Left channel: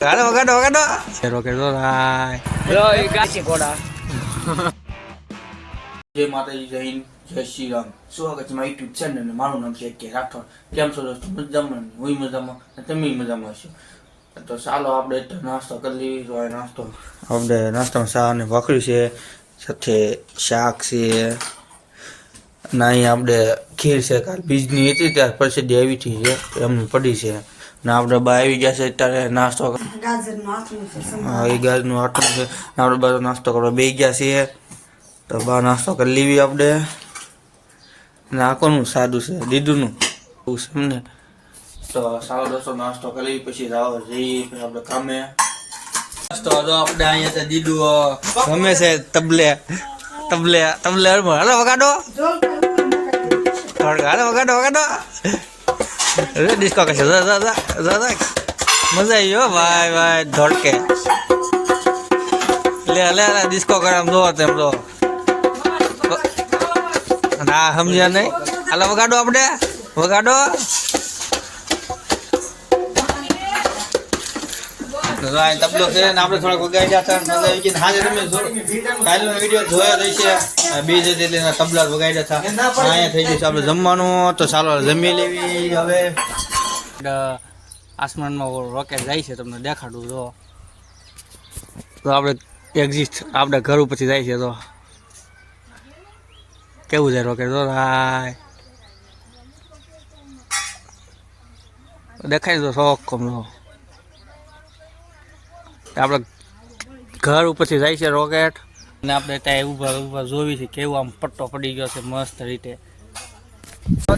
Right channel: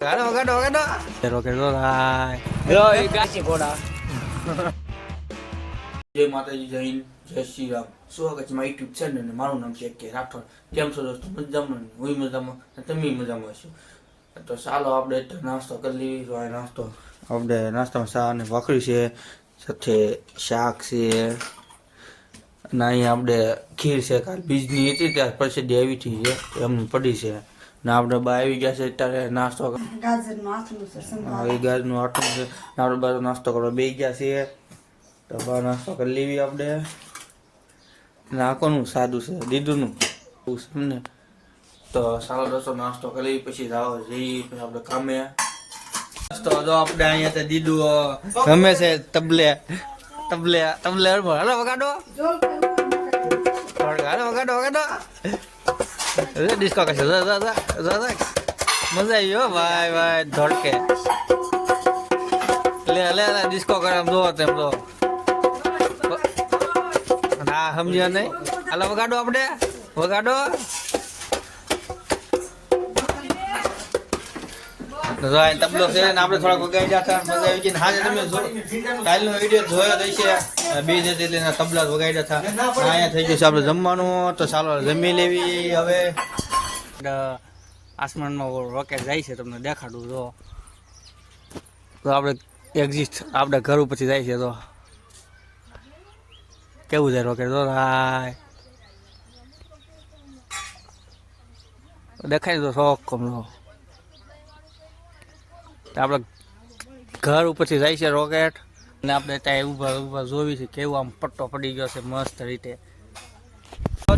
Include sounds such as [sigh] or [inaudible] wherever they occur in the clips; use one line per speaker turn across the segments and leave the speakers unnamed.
Gado, gado, gado. Rocket Roll.
જય માતાજી જય હિન્દ જય શ્રી રામ સ્વાગત છે મારી યુટ્યુબ ચેનલ મારું નામ છે કે રાઠોડ કેમ છો દોસ્તો મજામાં હું મજામાં અને તમે મજામાં છો તો ચાલો આપણે તો નાસ્તો કરી લઈએ નાસ્તો આપણે નાસ્તામાં શાક અને ભાખરી છે સાથે શાક છે અને અહીંયા આપણે ખીર છે કાલ બીજની હતી ત્યાર પછી દેવીથી છે એમની પડી છે ને આપણે બા આવી ગયા છે ત્યારે નાસ્તો
ગાજરનું આથણું છે
હા, એ આટલું છે. આપણે નાસ્તો કરવા બે ગયા છીએ. તો બા નાસ્તો કરી લેવી આપણે ને આ સાદું છે? દીદુનું. એવું છે એમને. તો સારો રસ્તો નાસ્તો કરી પછી રાવ જઈએ પછી આપણે કામે. નાસ્તો જો આપણે અહીંયા છે દીદુ ગમે છે તબલે. તબલે તબલે હાલો વગાડો. હાલો વગાડો વગાડો. ડિસ્કો કરશે મજા આવી હો ભાઈ ભાઈ ધોડકે લે લે લે ડિસ્કો કરે આમ જો તેમ જો ના સમજ્યા નહીં હાલો વગાડો આપણે વગાડો તબલો છે આપણે થોડાક વગાડી હાજર તમે કાલનો વીડિયો તબલા વગાડ્યા હતા. અહીંયા થઈ જશે આપણે જમવાનું. તો ચાલો જમી લેવી હવે.
આસમાનમાં રોકેટ જાય છે, તમને દેખાડું તો. તો આપણે એક્ઝિસ્ટ આપણા ઘર ઉપરથી જાય છે તો. કેવું છે રોકેટ તો હાય દેખાય તો શોખ કમનો. આપણે ઘર ઉપરથી જાય છે રોકેટ. અને આપણે ત્યાં ઊભા ઊભા જોવી છે કેવું આમ પટ્ટો પડી ગયો છે મસ્ત રીતે.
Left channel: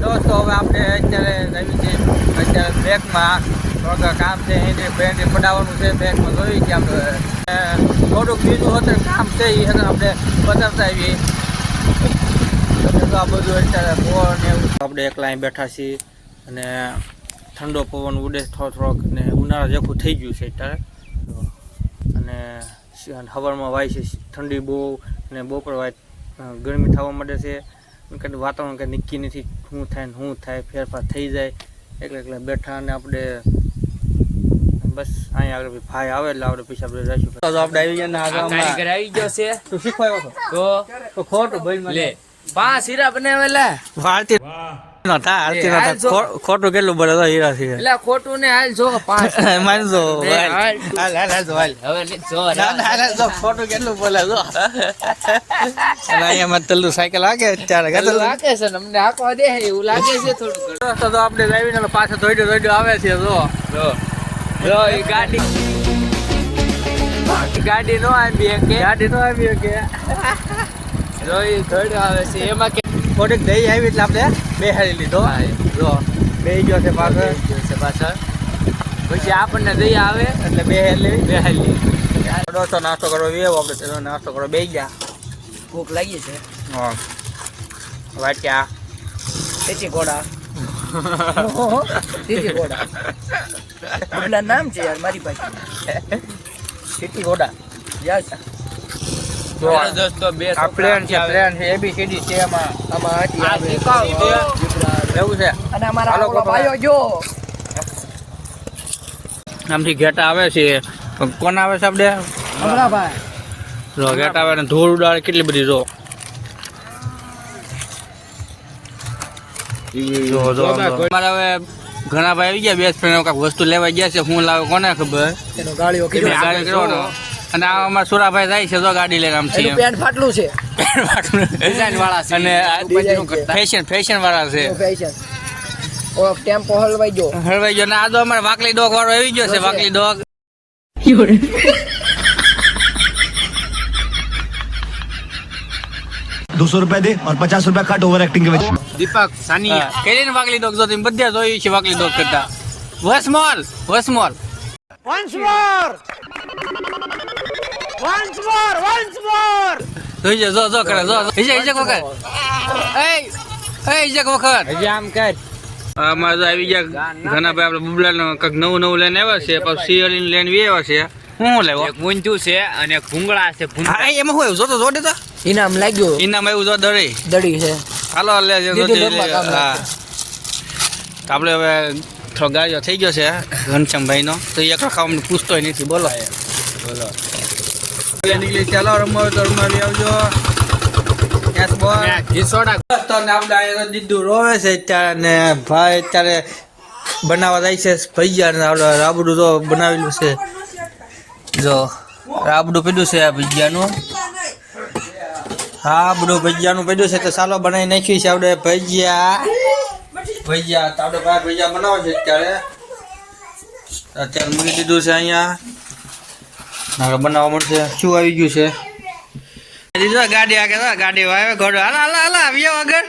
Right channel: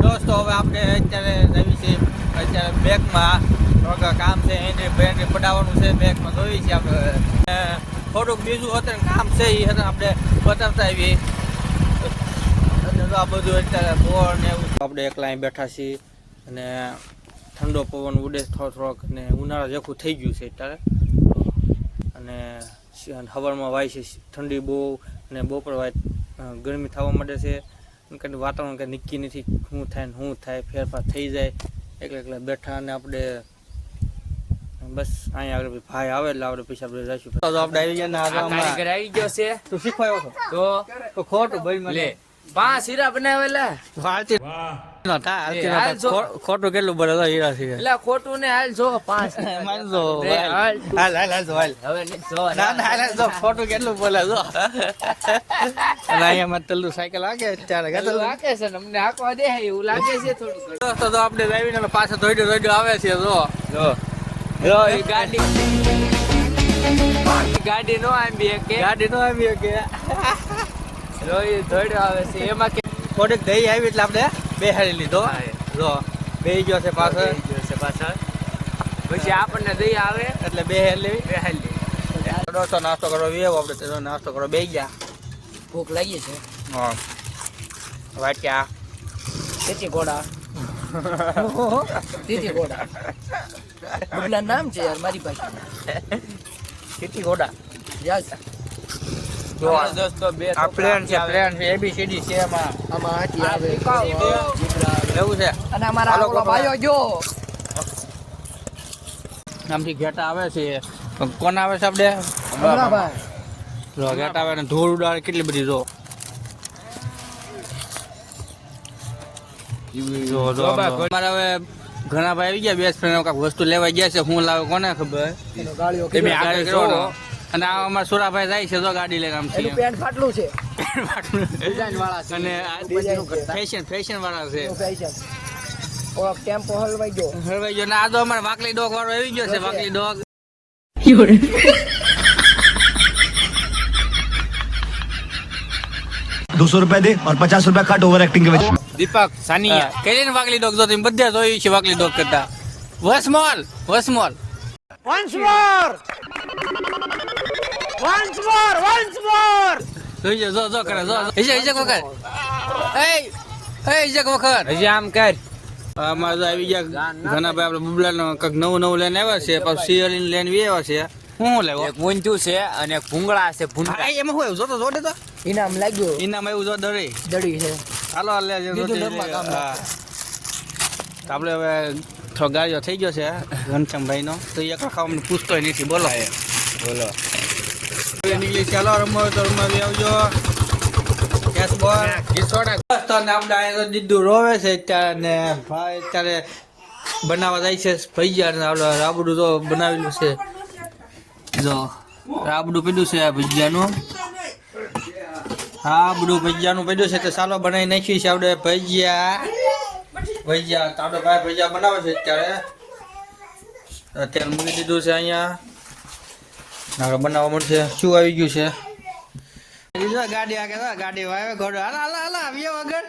દોસ્તો, હવે આપણે અત્યારે નવી છે. અત્યારે બેગમાં કામ છે, એને બેગ પડાવવાનું છે. બેગમાં જોઈ છે આપણે. થોડુંક બીજું હતું કામ છે એ આપણે બતાવતા આવીએ. તો આ બધું અત્યારે ફોન એવું. આપણે એકલા બેઠા છીએ. અને ઠંડો પવન ઉડે થોડો થોડોક ને ઉનાળો જેખું થઈ ગયું છે અત્યારે. હવારમાં વાય છે ઠંડી બહુ અને બપોર વાય ગરમી થવા માંડે છે. કંઈ વાતાવરણ કંઈ નક્કી નથી શું થાય ને શું થાય ફેરફાર થઈ જાય. એટલે એટલે બેઠા અને આપણે બસ અહીંયા આગળ ભાઈ આવે એટલે આપણે પૈસા આપણે રાખ્યું આપણે આવી ગયા ને
આવી ગયો છે.
તું શીખવાયો
તો?
તો ખોટું ભાઈ
લે.
આરતી ખોટું કેટલું બોલે તો હીરા છે.
એટલે ખોટું ને હાલ જો પાંચ
માનજો
બે,
હાલ.
હાલ.
હાલ હાલ જો હાલ.
હવે લે, જો
ના, ના, ના, જો, ખોટું કેટલું બોલે જો [laughs] અને માં તલ્લુ સાયકલ હાકે અત્યારે
એવું લાગે છે અમને હાંકવા દે એવું લાગે છે થોડું
તો તો આપણે ડ્રાઈવિંગ પાછા ધોઈડો ધોઈડો આવે છે જો.
જો. એ ગાડી. ગાડી નો આવી કે
ગાડી નો આવી કે [laughs]
જો એ આવે છે. એમાં કે
થોડીક દહીં આવી એટલે આપણે બેહાડી લીધો. જો બે ગયો છે પાછળ
છે પાછળ પછી આપણને દહીં આવે
એટલે બે એટલે
બેહાલી
નાસ્તો નાસ્તો કરો વેવો આપણે તેનો નાસ્તો કરો બે ગયા.
ભૂખ લાગી છે.
હા. વાટ્યા.
તેથી કોડા ઘોડા ઘોડા નામ છે યાર મારી પાસે. [laughs]
ઘોડા
યસ.
જો આ-
દોસ્તો બે
આ પ્લેન છે પ્લેન છે એબીસીડી છે એમાં
આમાં
એવું છે.
અને અમારા
હાલો,
આખો
બાબા.
ભાઈઓ જો.
આમથી ઘેટા આવે છે. કોણ આવે છે આપણે? ઘેટા આવે ને ધૂળ ઉડાડે કેટલી બધી જો. ઘણા ભાઈ આવી ગયા બેસ્ટ ફ્રેન્ડ વસ્તુ લેવા ગયા છે હું લાવે કોને ખબર?
એનો ગાળીઓ.
અને આ અમારા સુરાભાઈ જાય છે તો ગાડી લઈને આમ છે
એનું પેન્ટ ફાટલું છે ડિઝાઇન વાળા છે
અને
Design છે.
ફેશન ફેશન વાળા છે
ફેશન ઓ ટેમ્પો હલવાઈ ગયો
હળવાઈ ગયો ને આ તો અમારે વાકલી ડોગ વાળો આવી ગયો છે વાકલી ડોગ
दो सौ रुपए दे और पचास रुपए कट ओवर एक्टिंग के वजह
દીપક સાનિયા
કેરી ને વાકલી ડોગ તો તમે બધા જોયું છે વાકલી ડોગ કરતા વસમોલ વસમોલ જોઈ જો જો કરે જો. ઈજે ઈજે કોકર. એ એ ઈજે કોકર.
હજી આમ કર
અમારે તો આવી ગયા ઘણા ભાઈ આપણે બબલા નો કંઈક નવું નવું લઈને આવ્યા છે પછી સિયલી લઈને બી આવ્યા છે. હું લેવો?
એક ઊંચું છે અને એક ભૂંગળા છે
ભૂંગળા. એમાં હું એવું? તો જો તો.
ઇનામ લાગ્યું.
ઇનામ એવું જો દડી
દડી છે.
હાલો લે જે જોતી હા. આપણે હવે થોડો ગાળિયો થઈ ગયો છે ઘનશ્યામભાઈનો. તો એ એકલો ખાવાનું પૂછતોય નથી બોલો.
બોલો.
નીકળી ચાલો રમવા હોય તો આવજો યસ બોલ
ઘીસોડા
તો ને આપણે દીધું રોવે છે અત્યારે ભાઈ અત્યારે બનાવવા જાય છે આપણે રાબડું તો બનાવેલું છે. જો રાબડું પડ્યું છે આ ભજીયાનું. રાબડું ભજીયાનું પડ્યું છે તો ચાલો બનાવી નાખ્યું છે આપણે ભજીયા. ભજીયા તો આપણે ભાઈ ભજીયા બનાવે છે અત્યારે. અત્યારે મૂકી દીધું છે અહીંયા. હવે બનાવવા મળશે. શું આવી ગયું છે? દીધું ગાડી આગળ તો ગાડી આવે ઘોડો. હાલો હાલો હાલો આવ્યો આગળ.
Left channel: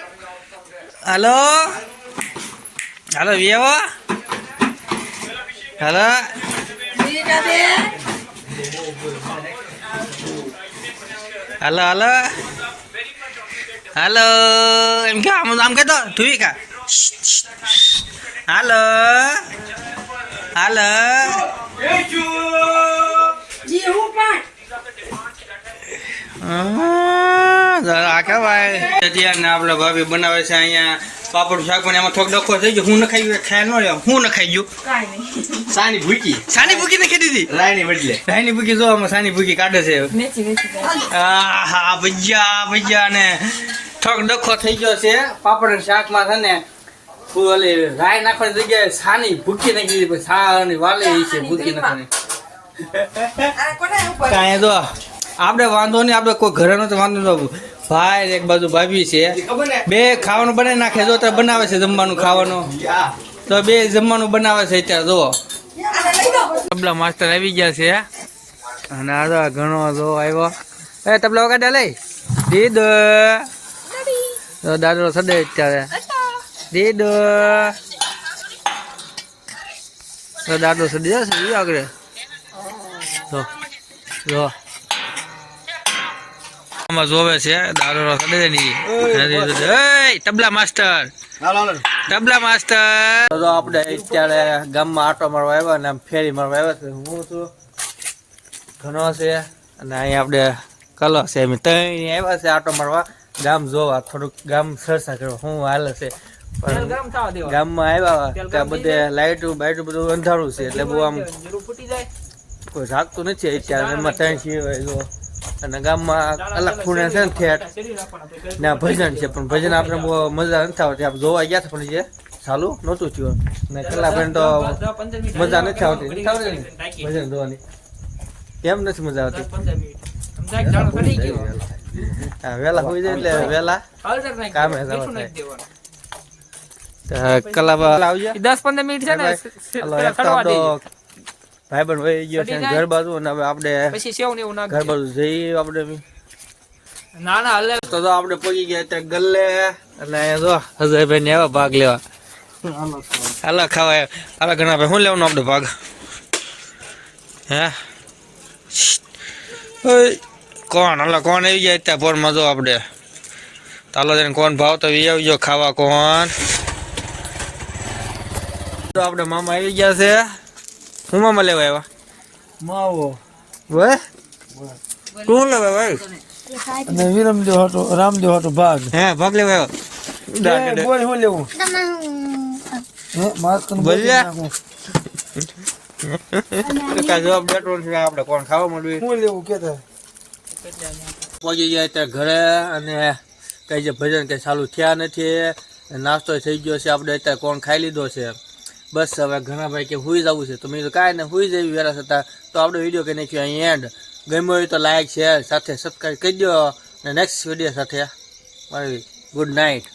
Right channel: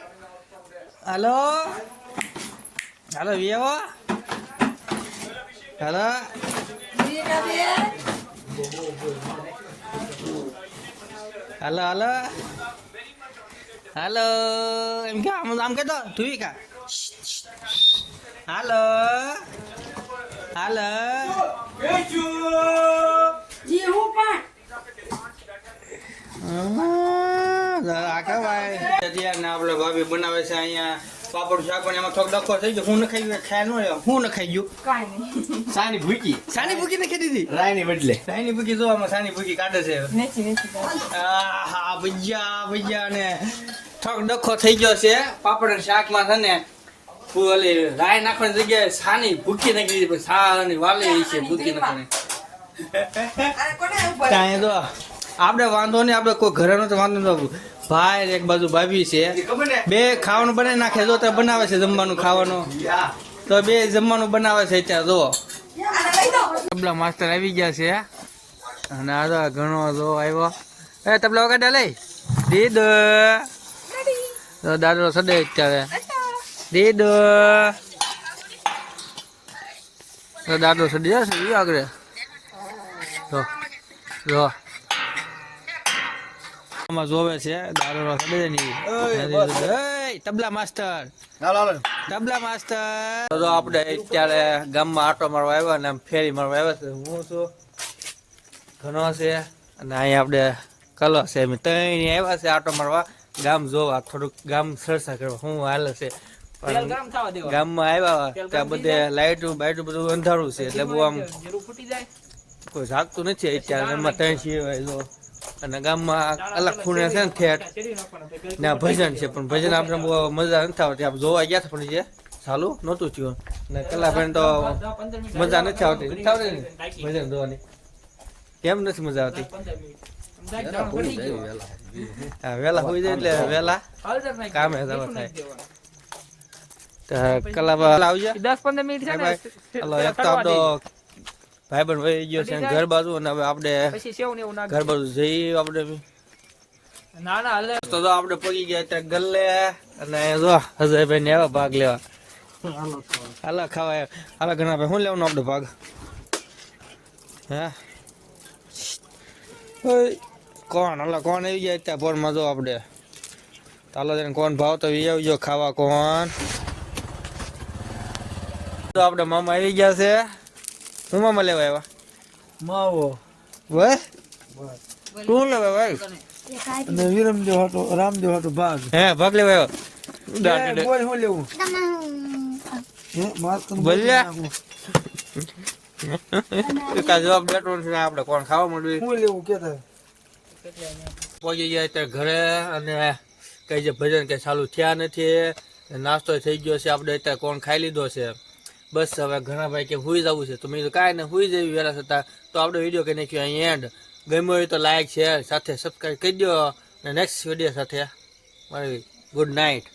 હાલો? હાલો વ્યવો? હાલો? હાલો હાલો? હાલો? એમ કે આમ આમ કહેતો ધુવી કા. હાલો? હાલો? આ કેવાય અત્યારે આપણે ભાભી બનાવે છે અહીંયા પાપડ શાક પણ એમાં ડખો થઈ ગયો. હું ન ખાઈ ખાય ન રહ્યો. હું ન ખાઈ ગયું
સાની ભૂકી.
સાની ભૂકી નાખી દીધી
રાયની બદલે.
સાની ભૂકી જો આમાં સાની ભૂકી કાઢે છે. હા ભજીયા ભજીયા ને થોડોક ડખો થઈ ગયો છે. પાપડ શાકમાં છે ને ઓલી રાય નાખવાની જગ્યાએ સાની ભૂકી નાખી દીધી. વાલે છે ભૂકી નાખવાની. કાંઈ આપણે વાંધો નહીં આપણે કોઈ ઘરે તો વાંધો ન ભાઈ એક બાજુ ભાભી છે. બે ખાવાનું બનાવી નાખે જો તો બનાવે છે જમવાનું ખાવાનું. તો બે જમવાનું બનાવે છે અત્યારે જો. તબલા માસ્ટર આવી ગયા છે. અને આ ઘણો જો આવ્યો. એ તબલા વગાડ્યા લઈ. દીદ તો દાદરો સડે અત્યારે. દીદ દાદો દાદરો સડી જશે આગળ. જો જો. આમાં જોવે છે દારૂ સડે ની તબલા માસ્ટર. તબલા માસ્ટર. તો આપણે અત્યારે ગામમાં આટો મારવા આવ્યા ને આમ ફેરી મારવા આવ્યા છે. હું છું ઘણો છે અને અહીં આપણે કલો છે. અમે ત્રણ આવ્યા છે આટો મારવા. ગામ જોવા થોડુંક ગામ સરસા કરો હું હાલ છે. પણ ગામમાં આવ્યા ત્યાં બધે લાઇટું બાઇટું બધું અંધારું છે. એટલે બહુ આમ કોઈ જાગતું નથી અત્યારે. એમાં ત્રણ છીએ અને ગામમાં અલગ ખૂણે છે ને ઠેઠ. ને ભજન છે પણ ભજન આપણે બહુ મજા નથી આવતી. આપણે જોવા ગયા પણ છે ચાલુ નહોતું થયું. ને કલાક તો મજા નથી આવતી. ભજન જોવાની. કેમ નથી મજા આવતી. હા હોય જાય એટલે વહેલા કામે કલાક આવજે.
દસ પંદર મિનિટ છે ને
ભાઈબંધ વહી ગયો છે ઘર બાજુ અને હવે આપણે
પછી સેવ ને એવું ના
ઘર બાજુ જઈએ આપણે
ના ના હલે.
તો તો આપણે પહોંચી ગયા ત્યાં ગલ્લે અને જો હજરભાઈ ને આવ્યા ભાગ લેવા. હાલો ખાવા. હાલો ઘણા ભાઈ શું લેવાનું આપણે ભાગ? હે? કોણ? હાલો કોણ આવી જાય ત્યાં પોરમાં જો આપણે? ચાલો જઈને કોણ ભાવ તો વી આવજો ખાવા કોણ? તો આપણે મામા આવી ગયા છે. હું મામા લેવા આવ્યા?
માવો.
વે? તું લેવા ભાઈ
અને વિરમદેવ હતો રામદેવ હતો ભાગ.
હે ભાગ લેવા આવ્યો?
બોલ હું લેવું? હે માસ્ક
બોલ્યા? જવાબ દેતો નથી આપણે કોણ ખાવા માંડવી?
હું લેવું કેતા
પહોંચી ગયા ત્યાં ઘરે અને કઈ જે ભજન કંઈ ચાલુ થયા નથી નાસ્તો થઈ ગયો છે આપણે અત્યારે કોણ ખાઈ લીધો છે? બસ હવે ઘણા ભાઈ કે હુઈ જવું છે. તો મેં કાંઈ ને હુઈ જવી વેરા થતા. તો આપણો વીડિયો કહી નાખ્યો અહીં એન્ડ ગમ્યો હોય તો લાઈક શેર સાથે સબસ્ક્રાઈબ કરી દો અને નેક્સ્ટ વીડિયો સાથે, મારી ગુડ નાઇટ